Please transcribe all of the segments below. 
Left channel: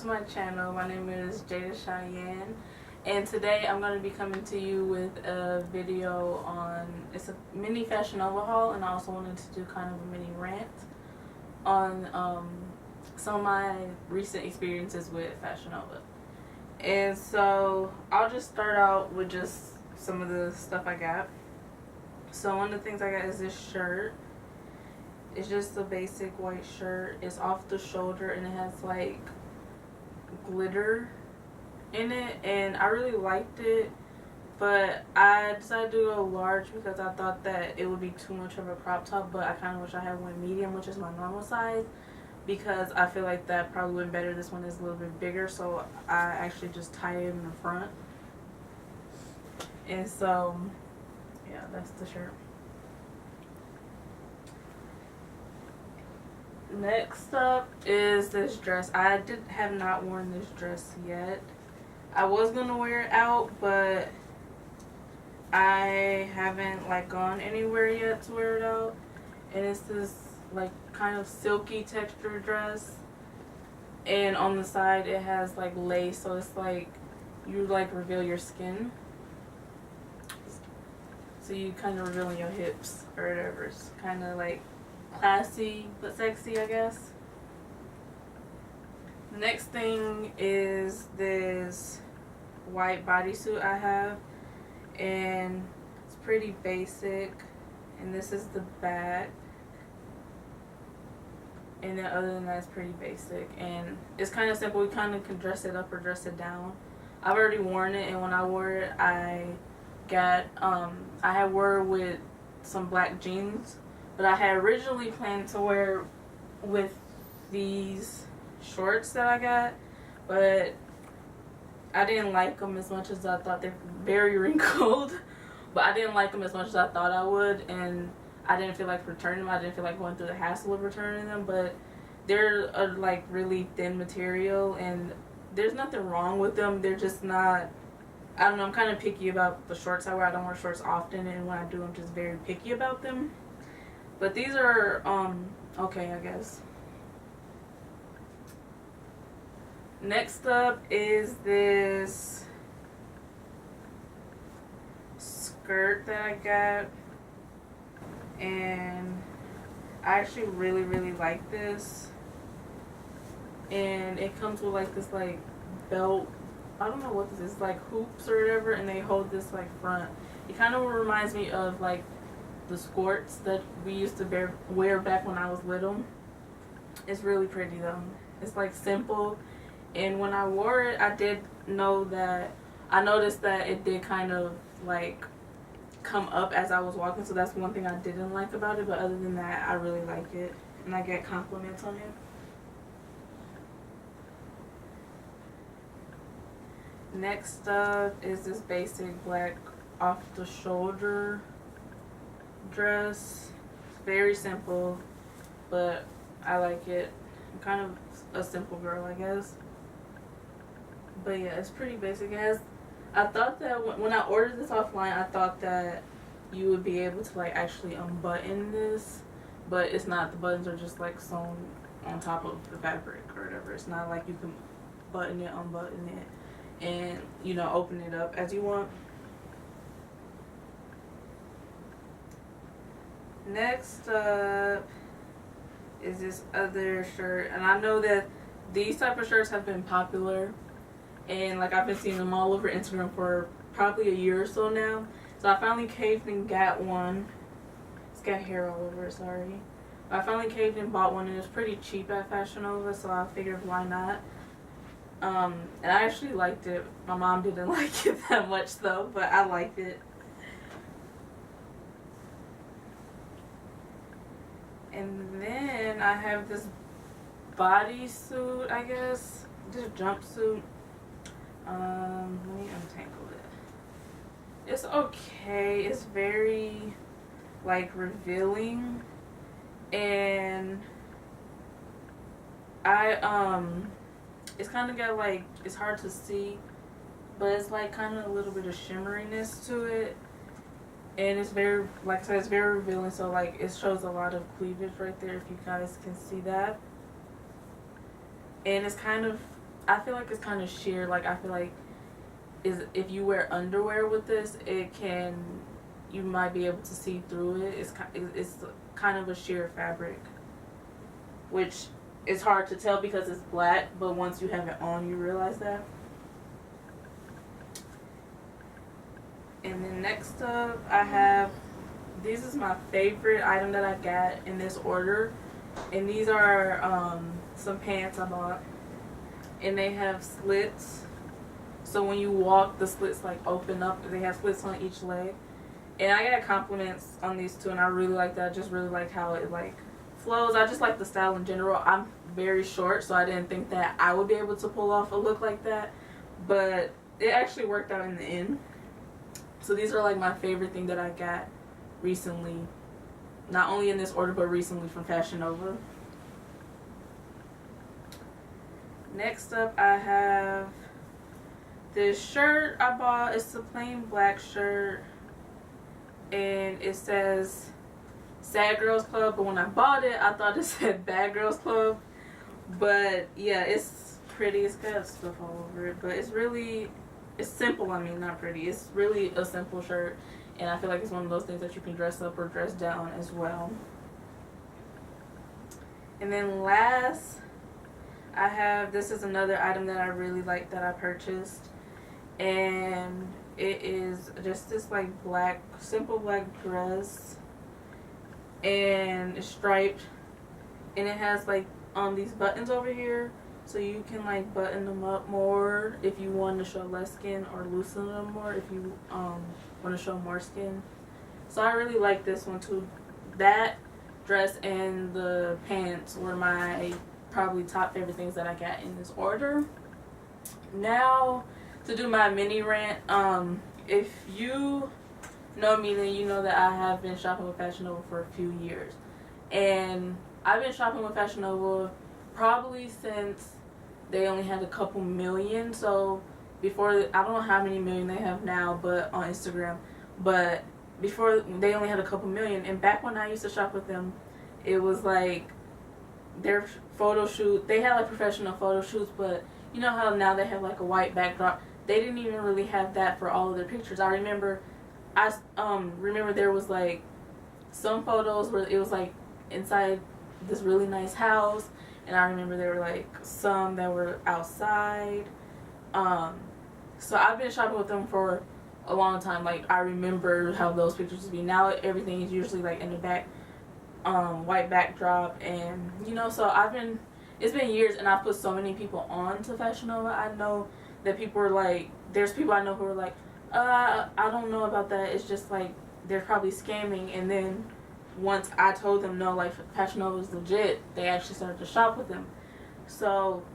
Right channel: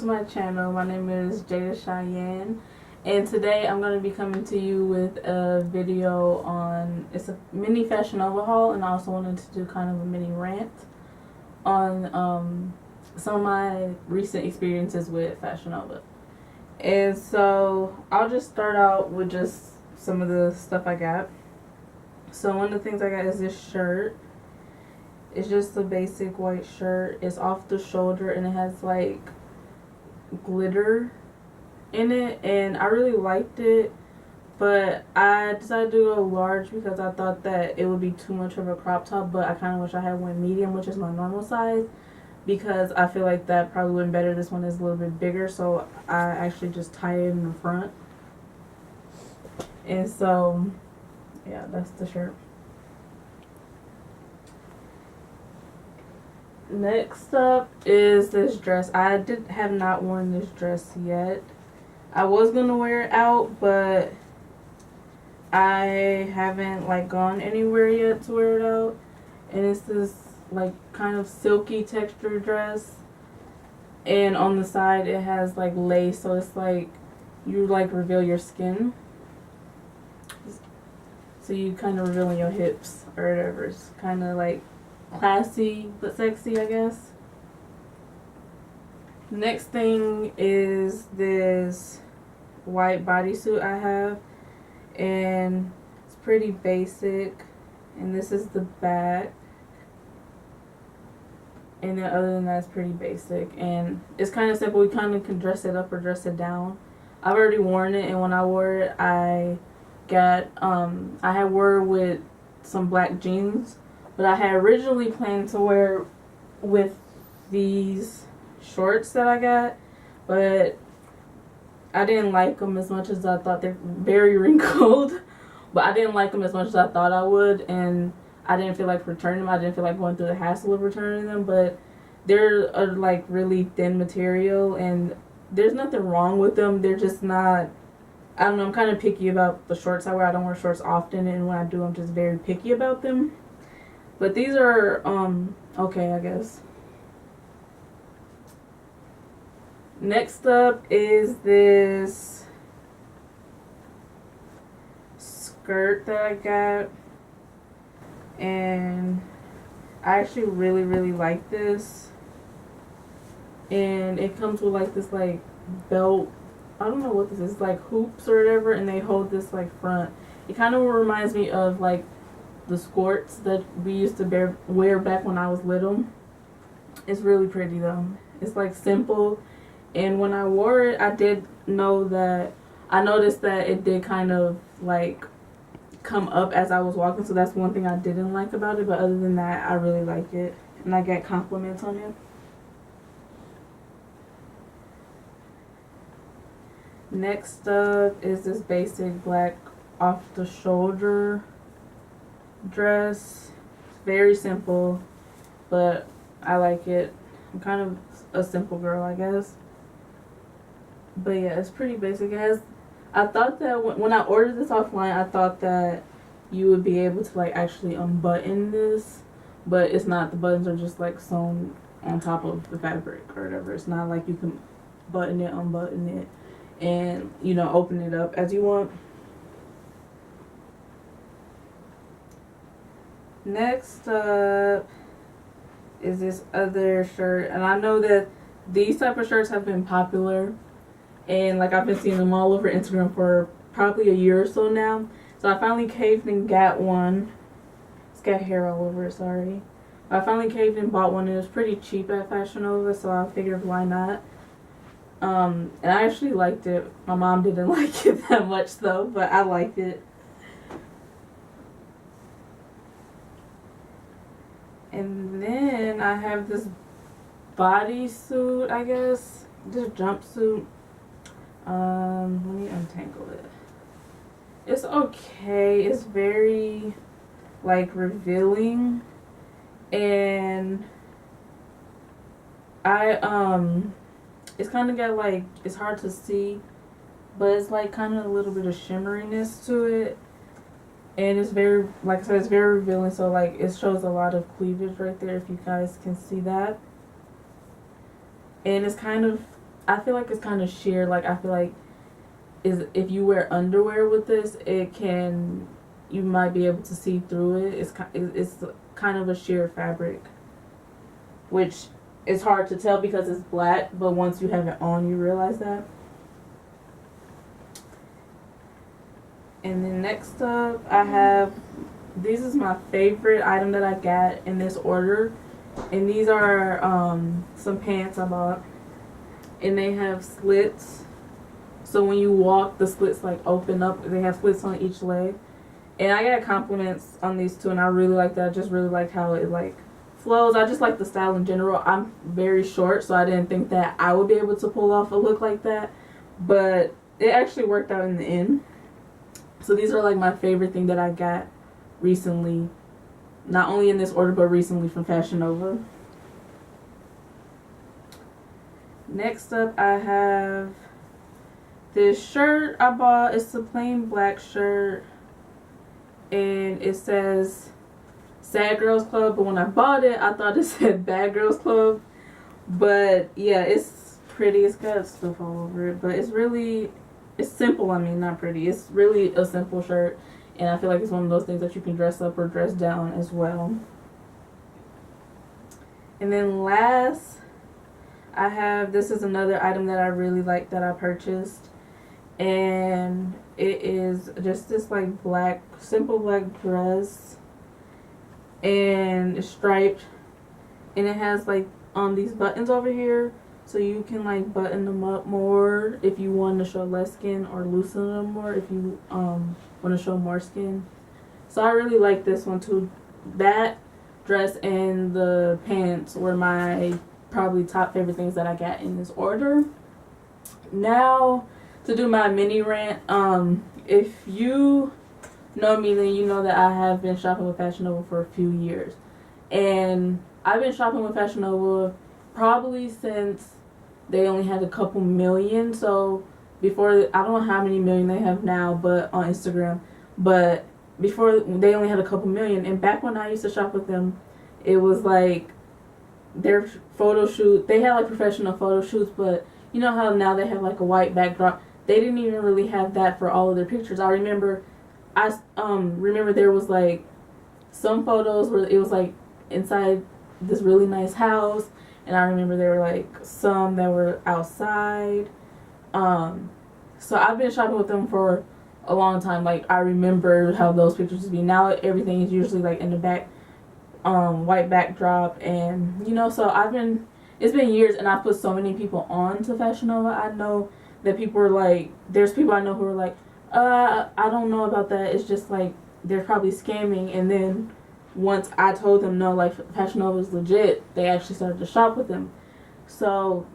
to my channel. My name is Jada Cheyenne, and today I'm going to be coming to you with a video on, it's a mini fashion overhaul, and I also wanted to do kind of a mini rant on some of my recent experiences with Fashion Nova. And so I'll just start out with just some of the stuff I got. So one of the things I got is this shirt. It's just a basic white shirt. It's off the shoulder and it has like glitter in it, and I really liked it, but I decided to go large because I thought that it would be too much of a crop top, but I kind of wish I had one medium, which is my normal size, because I feel like that probably went better. This one is a little bit bigger, so I actually just tie it in the front. And so yeah, that's the shirt. Next up is this dress. I have not worn this dress yet. I was gonna wear it out, but I haven't like gone anywhere yet to wear it out. And it's this like kind of silky texture dress, and on the side it has like lace, so it's like you like reveal your skin, so you kind of revealing your hips or whatever. It's kind of like classy but sexy, I guess. The next thing is this white bodysuit I have, and it's pretty basic, and this is the back, and then other than that it's pretty basic, and it's kind of simple. You kind of can dress it up or dress it down. I've already worn it, and when I wore it I had wore it with some black jeans, but I had originally planned to wear with these shorts that I got, but I didn't like them as much as I thought. They're very wrinkled, but I didn't like them as much as I thought I would, and I didn't feel like returning them. I didn't feel like going through the hassle of returning them, but they're a like really thin material, and there's nothing wrong with them. They're just not, I don't know, I'm kind of picky about the shorts I wear. I don't wear shorts often, and when I do, I'm just very picky about them. But these are okay, I guess. Next up is this skirt that I got, and I actually really like this, and it comes with like this like belt. I don't know what this is, like hoops or whatever, and they hold this like front. It kind of reminds me of like the skirts that we used to wear back when I was little. It's really pretty though. It's like simple, and when I wore it, I noticed that it did kind of like come up as I was walking, so that's one thing I didn't like about it, but other than that I really like it, and I get compliments on it. Next up is this basic black off the shoulder dress. Very simple, but I like it. I'm kind of a simple girl, I guess. But yeah, it's pretty basic. I thought that when I ordered this offline, I thought that you would be able to like actually unbutton this, but it's not. The buttons are just like sewn on top of the fabric or whatever. It's not like you can button it, unbutton it, and you know, open it up as you want. Next up is this other shirt, and I know that these type of shirts have been popular, and like I've been seeing them all over Instagram for probably a year or so now. So I finally caved and got one. It's got hair all over it, sorry. I finally caved and bought one, and it was pretty cheap at Fashion Nova, so I figured why not. And I actually liked it. My mom didn't like it that much though, but I liked it. And then I have this bodysuit, I guess. This jumpsuit. Let me untangle it. It's okay. It's very like revealing, and it's kind of got like, it's hard to see, but it's like kind of a little bit of shimmeriness to it. And it's very, like I said, it's very revealing. So like it shows a lot of cleavage right there, if you guys can see that. And it's kind of I feel like it's kind of sheer. Like, I feel like if you wear underwear with this, you might be able to see through it. It's kind of a sheer fabric, which is hard to tell because it's black, but once you have it on, you realize that. And then next up, I have, this is my favorite item that I got in this order. And these are some pants I bought. And they have slits. So when you walk, the slits like open up. They have slits on each leg. And I got compliments on these too, and I really like that. I just really like how it like flows. I just like the style in general. I'm very short, so I didn't think that I would be able to pull off a look like that. But it actually worked out in the end. So these are like my favorite thing that I got recently. Not only in this order, but recently from Fashion Nova. Next up, I have this shirt I bought. It's a plain black shirt. And it says Sad Girls Club. But when I bought it, I thought it said Bad Girls Club. But yeah, it's pretty. It's got stuff all over it. But it's simple. I mean, not pretty. It's really a simple shirt. And I feel like it's one of those things that you can dress up or dress down as well. And then last, this is another item that I really like that I purchased. And it is just this like simple black dress. And it's striped. And it has like these buttons over here. So you can like button them up more if you want to show less skin, or loosen them more if you want to show more skin. So I really like this one too. That dress and the pants were my probably top favorite things that I got in this order. Now to do my mini rant. If you know me, then you know that I have been shopping with Fashion Nova for a few years. And I've been shopping with Fashion Nova probably since they only had a couple million. So before, I don't know how many million they have now, but on Instagram. But before, they only had a couple million. And back when I used to shop with them, it was like their photo shoot. They had like professional photo shoots, but you know how now they have like a white backdrop. They didn't even really have that for all of their pictures. I remember there was like some photos where it was like inside this really nice house. And I remember there were like some that were outside. So I've been shopping with them for a long time. Like, I remember how those pictures would be. Now everything is usually like in the back, white backdrop. And you know, so it's been years, and I've put so many people on to Fashion Nova. I know that people are like, there's people I know who are like, I don't know about that. It's just like they're probably scamming. And then once I told them no, like Fashion Nova is legit, they actually started to shop with them. So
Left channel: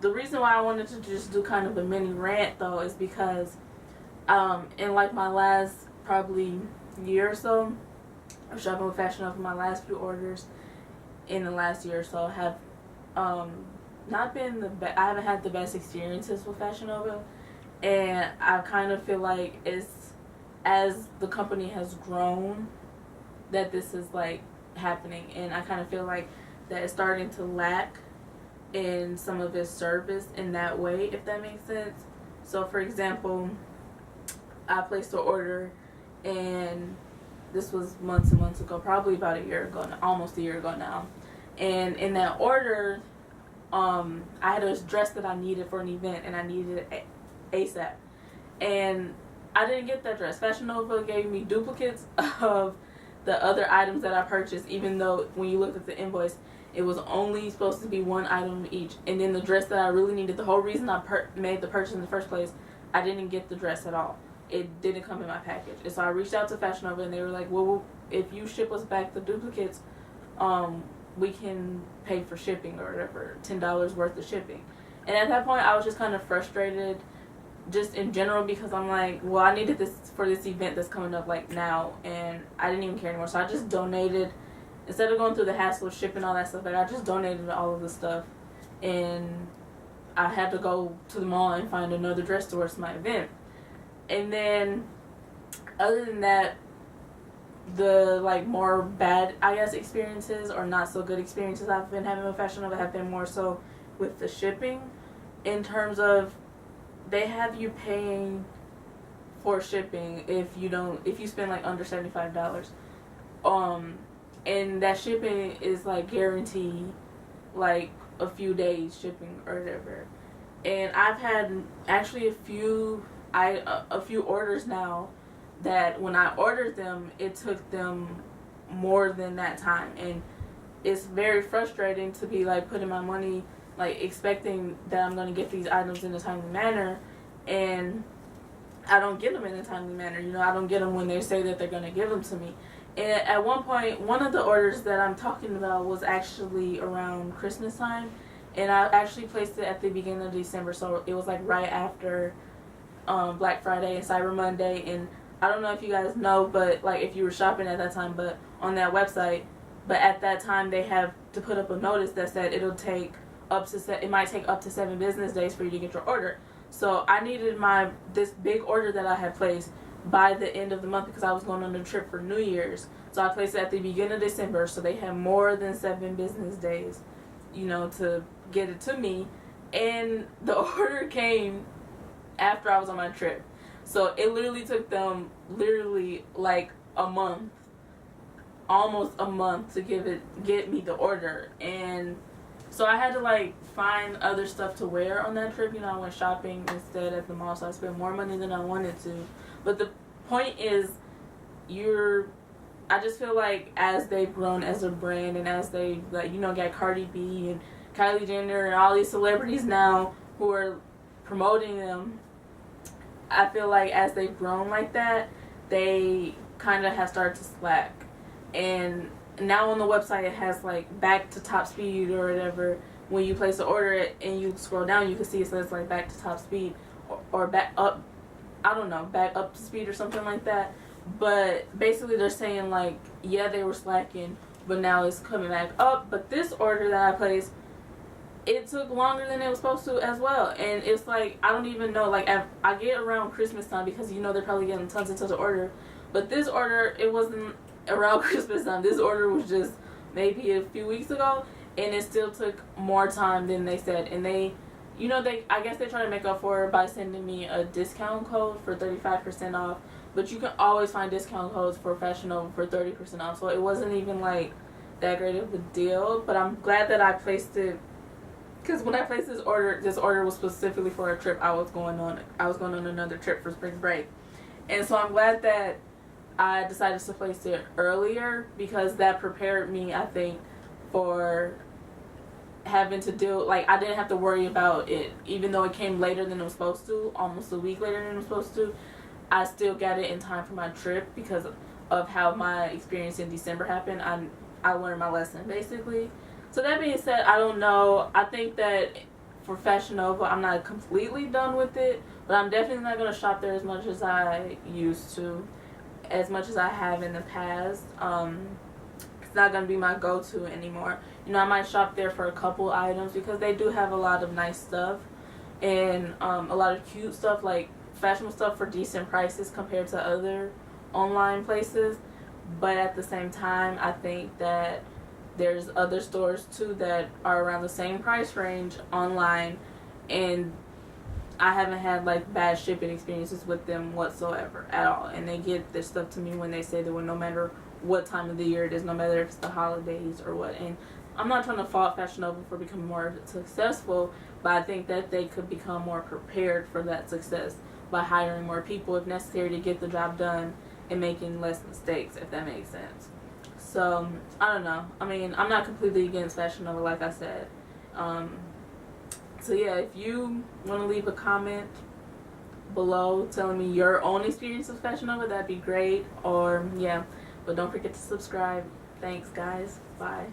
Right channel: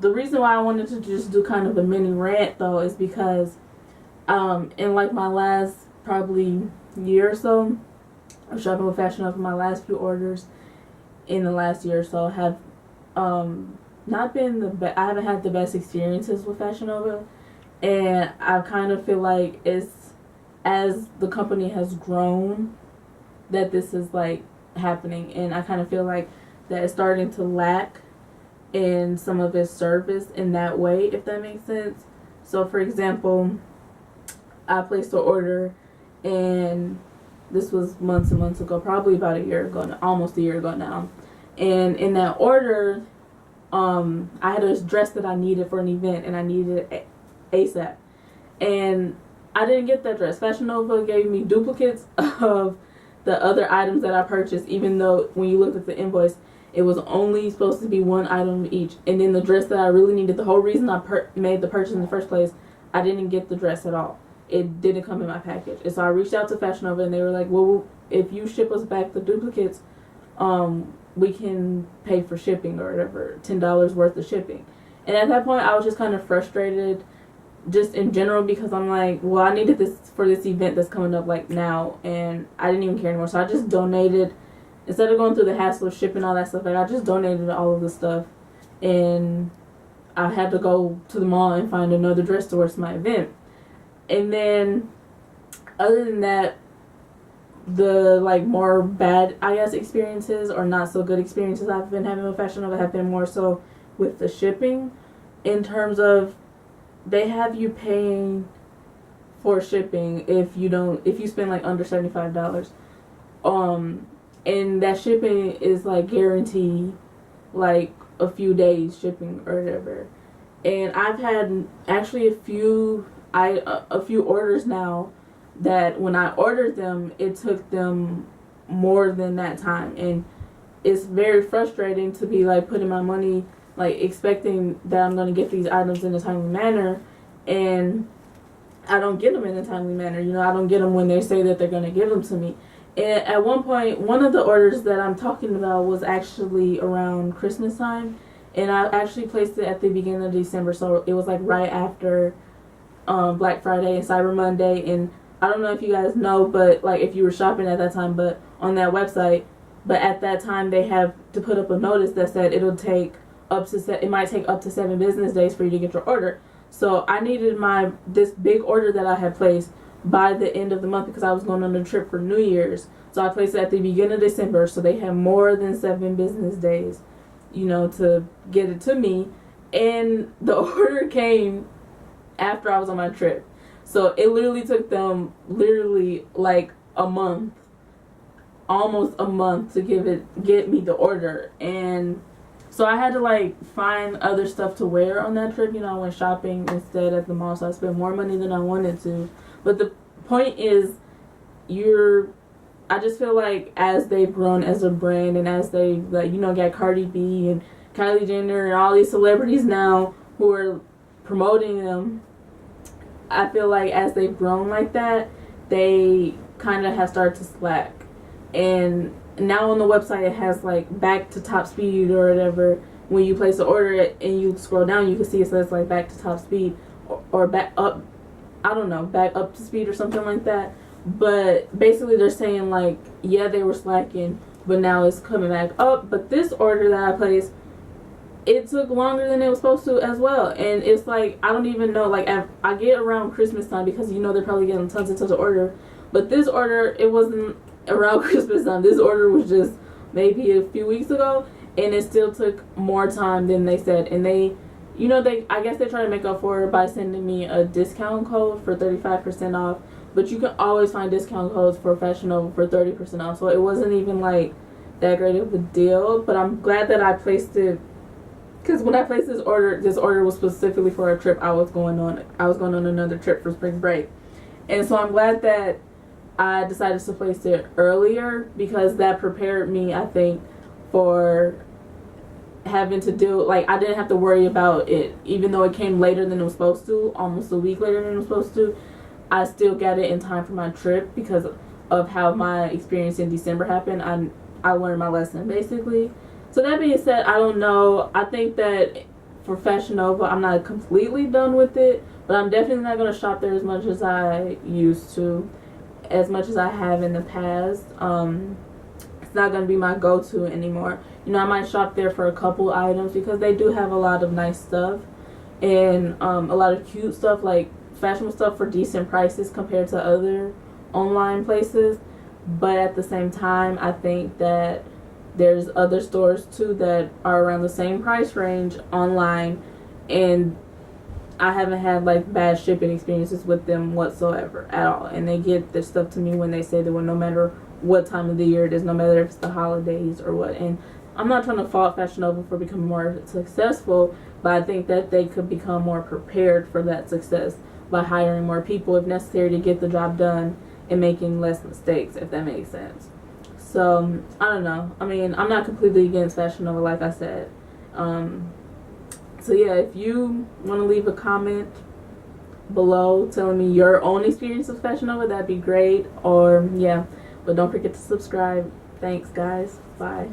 the reason why I wanted to just do kind of a mini rant though is because in like my last probably year or so of shopping with Fashion Nova, my last few orders in the last year or so have not been the best. I haven't had the best experiences with Fashion Nova, and I kind of feel like it's, as the company has grown, that this is like happening, and I kind of feel like that it's starting to lack in some of its service in that way, if that makes sense. So for example, I placed an order, and this was months and months ago, probably about a year ago, almost a year ago now. And in that order, I had a dress that I needed for an event, and I needed it ASAP. And I didn't get that dress. Fashion Nova gave me duplicates of the other items that I purchased, even though when you looked at the invoice, it was only supposed to be one item each. And then the dress that I really needed, the whole reason I made the purchase in the first place, I didn't get the dress at all. It didn't come in my package. And so I reached out to Fashion Nova, and they were like, well, if you ship us back the duplicates, we can pay for shipping or whatever, $10 worth of shipping. And at that point, I was just kind of frustrated just in general, because I'm like, well, I needed this for this event that's coming up like now, and I didn't even care anymore. So I just donated, instead of going through the hassle of shipping all that stuff, like I just donated all of the stuff, and I had to go to the mall and find another dress towards my event. And then other than that, the like more bad, I guess, experiences or not so good experiences I've been having with Fashion Nova have been more so with the shipping. in terms of they have you paying for shipping if you spend like under $75. And that shipping is like guaranteed like a few days shipping or whatever. And I've had actually a few orders now that when I ordered them, it took them more than that time. And it's very frustrating to be like putting my money, like expecting that I'm going to get these items in a timely manner, and I don't get them in a timely manner. You know, I don't get them when they say that they're going to give them to me. And at one point, one of the orders that I'm talking about was actually around Christmas time, and I actually placed it at the beginning of December, so it was like right after Black Friday and Cyber Monday. And I don't know if you guys know, but like if you were shopping at that time, but on that website, but at that time they have to put up a notice that said it might take up to 7 business days for you to get your order. So I needed this big order that I had placed by the end of the month because I was going on a trip for New Year's. So I placed it at the beginning of December, so they had more than 7 business days, you know, to get it to me. And the order came after I was on my trip. So it literally took them like a month, almost a month to get me the order. And so I had to like find other stuff to wear on that trip. You know, I went shopping instead at the mall, so I spent more money than I wanted to. But the point is, I just feel like as they've grown as a brand, and as they like, you know, got Cardi B and Kylie Jenner and all these celebrities now who are promoting them, I feel like as they've grown like that, they kind of have started to slack. And now on the website it has like back to top speed or whatever. When you place an order and you scroll down, you can see it says like back to top speed or back up, I don't know, back up to speed or something like that. But basically they're saying like, yeah, they were slacking, but now it's coming back up. But this order that I placed, it took longer than it was supposed to as well. And it's like, I don't even know, like I get around Christmas time because, you know, they're probably getting tons and tons of order. But this order, it wasn't around Christmas time. This order was just maybe a few weeks ago, and it still took more time than they said. And they, you know, I guess they try to make up for it by sending me a discount code for 35% off. But you can always find discount codes for Fashion Nova for 30% off. So it wasn't even like that great of a deal. But I'm glad that I placed it, because when I placed this order was specifically for a trip I was going on. I was going on another trip for spring break. And so I'm glad that I decided to place it earlier, because that prepared me, I think, for having to deal, like, I didn't have to worry about it. Even though it came later than it was supposed to, almost a week later than it was supposed to, I still got it in time for my trip because of how my experience in December happened. I learned my lesson, basically. So that being said, I don't know. I think that for Fashion Nova, I'm not completely done with it, but I'm definitely not going to shop there as much as I used to, as much as I have in the past. It's not going to be my go-to anymore. You know, I might shop there for a couple items because they do have a lot of nice stuff and a lot of cute stuff, like fashionable stuff for decent prices compared to other online places. But at the same time, I think that there's other stores too that are around the same price range online, and I haven't had like bad shipping experiences with them whatsoever at all. And they get their stuff to me when they say they will, no matter what time of the year it is, no matter if it's the holidays or what. And I'm not trying to fault Fashion Nova for becoming more successful, but I think that they could become more prepared for that success by hiring more people if necessary to get the job done and making less mistakes, if that makes sense. So, I don't know. I mean, I'm not completely against Fashion Nova, like I said. So yeah, if you want to leave a comment below telling me your own experience with Fashion Nova, that'd be great. Or, yeah. But don't forget to subscribe. Thanks, guys. Bye.